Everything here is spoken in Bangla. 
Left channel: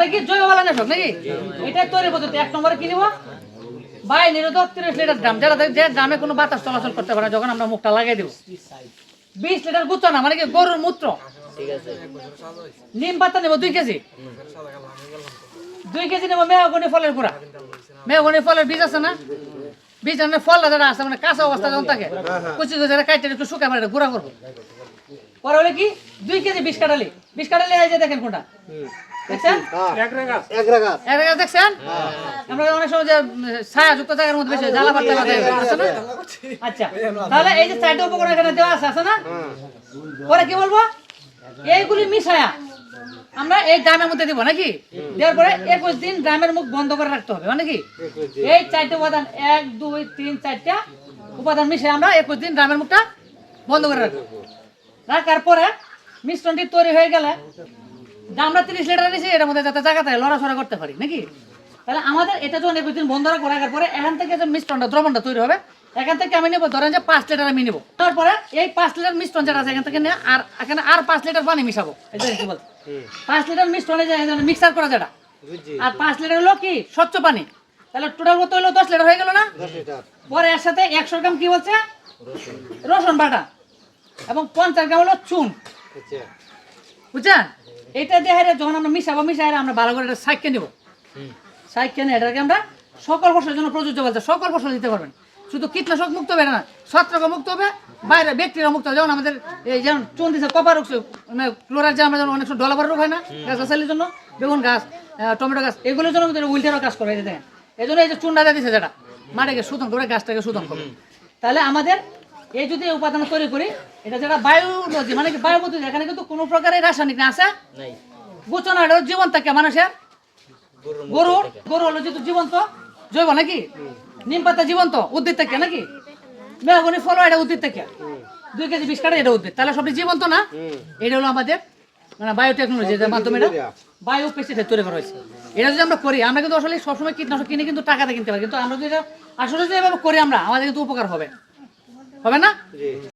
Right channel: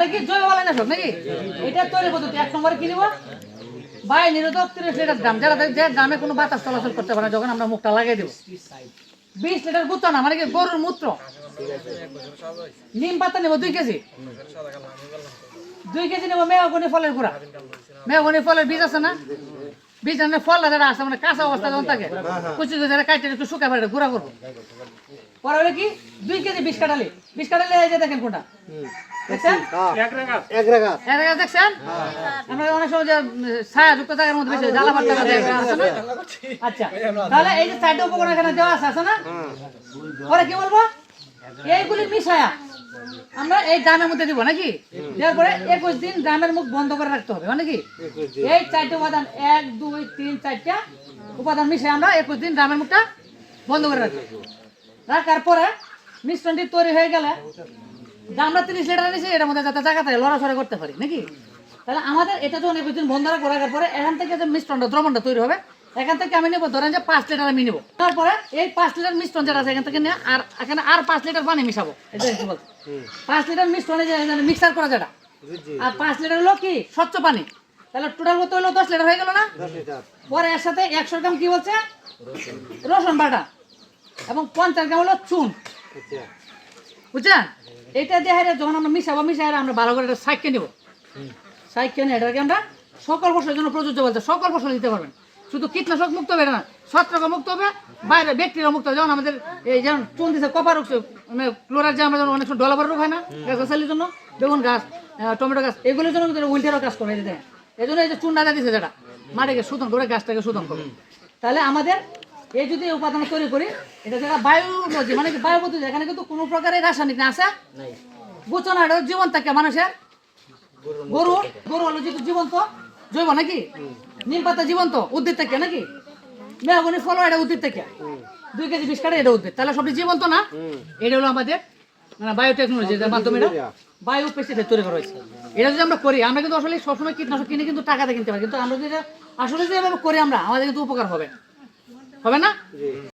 তাহলে কি জৈব বালানাশক নাকি? এটা তৈরি পদ্ধতি এক নম্বরে কি নিব? নিরোধক তিরিশ লিটার ড্রাম যারা যে ড্রামে কোনো বাতাস চলাচল করতে পারে যখন আমরা মুখটা লাগিয়ে দেবো। বিশ লিটার গুচ্ছ না মানে কি গরুর মূত্র? নিম পাতা নেব দুই কেজি। দুই কেজি নেব মেয়াগুনি ফলের গুঁড়া। মেয়াগুনি ফলের বীজ আছে না? বীজ আনলে ফল যারা আছে মানে কাঁচা অবস্থা যখন থাকে কুচি কুচি কাটতে একটু শুকাই পারে গুঁড়া করব। পরে হলে কি? দুই কেজি বিষ কাটালি। বিষ কাটালি এই যে দেখেন কোনটা। দেখছেন? আগে দেখছেন? আমরা অনেক সময় যে ছায়া যুক্ত জায়গার মধ্যে বেশি জ্বালা পাতা আছে আচ্ছা। তাহলে এই যে চারটে উপকরণ এখানে দেওয়া আছে আছে না? পরে কি বলব? এইগুলি মিশায়া। আমরা এই গ্রামের মধ্যে দিব নাকি? দেওয়ার পরে একুশ দিন ড্রামের মুখ বন্ধ করে রাখতে হবে নাকি? এই চারটে উপাদান এক দুই তিন চারটা উপাদান মিশে আমরা একুশ দিন ড্রামের মুখটা বন্ধ করে রাখব। রাখার পরে মিশ্রণটি তৈরি হয়ে গেলে আমরা তিরিশ লিটার নিয়েছি এর মধ্যে যাতে জায়গা থাকে লড়াচড়া করতে পারি নাকি? তাহলে আমাদের এটা যখন একুশ দিন বন্ধ রাখব রাখার পরে এখান থেকে যে মিশ্রণটা দ্রবণটা তৈরি হবে এখান থেকে আমি নেব ধরেন যে পাঁচ লিটার আমি নেব। তারপরে এই পাঁচ লিটার মিশ্রণ যেটা আছে এখান থেকে নিয়ে আর এখানে আর পাঁচ লিটার পানি মিশাবো। বলছে পাঁচ লিটার মিশ্রণে যে মিক্সার করা যেটা। আর পাঁচ লিটার হলো কি? স্বচ্ছ পানি। তাহলে টোটাল কত হলো? দশ লিটার হয়ে গেল না? পরে এর সাথে একশো গ্রাম কি বলছে? রসুন বাটা। এবং পঞ্চাশ গ্রাম হলো চুন। আচ্ছা। বুঝছেন? এটা দিয়ে হারে যখন আমরা মিশাবো মিশাই আমরা ভালো করে এটা সাইকে নেব। সাইকে নিয়ে এটাকে আমরা সকল ফসলের জন্য প্রযোজ্য বলতে সকল ফসল দিতে পারবেন। শুধু কীটনাশক মুক্ত হবে না ছত্রাক মুক্ত হবে বাইরে ব্যাকটেরিয়া মুক্ত হবে। যেমন আমাদের এই যেমন চুন দিচ্ছে কপার রোগ মানে ক্লোরার যে আমরা যেমন অনেক সময় ডলাবার রোগ হয় না গাছ গাছালির জন্য বেগুন গাছ টমেটো গাছ এগুলোর জন্য কিন্তু উইন্টারও কাজ করে এই এই জন্য এই যে চুন দিয়ে দিচ্ছে যেটা মাটিকে শোধন করে গাছটাকে শোধন করে। তাহলে আমাদের এই যদি উপাদান তৈরি করি এটা যেটা বায়ু নদী মানে কি বায়ু পদ্ধতি এখানে কিন্তু কোনো প্রকারের রাসায়নিক না আছে। বুঝছ না এটা জীবন থাকে মানুষের। গরু গরু হলো যেহেতু জীবন্ত জৈব নাকি? নিম পাতা জীবন্ত, উদ্ভিদ থেকে নাকি? মেহগনি ফল এটা উদ্ভিদ থেকে। দুই কেজি বিশ কাটা এটা উদ্ভিদ। তাহলে সবটি জীবন্ত না? এটা হলো আমাদের মানে বায়োটেকনোলজি এর মাধ্যমে এটা বায়ু পেস্টিসাইড তৈরি করা হয়েছে। এটা যদি আমরা করি, আমরা কিন্তু আসলে সবসময় কীটনাশক কিনে কিন্তু টাকাতে কিনতে পারি। কিন্তু আমরা যদি আসলে যদি এভাবে করি আমরা, আমাদের কিন্তু উপকার হবে। হবে না?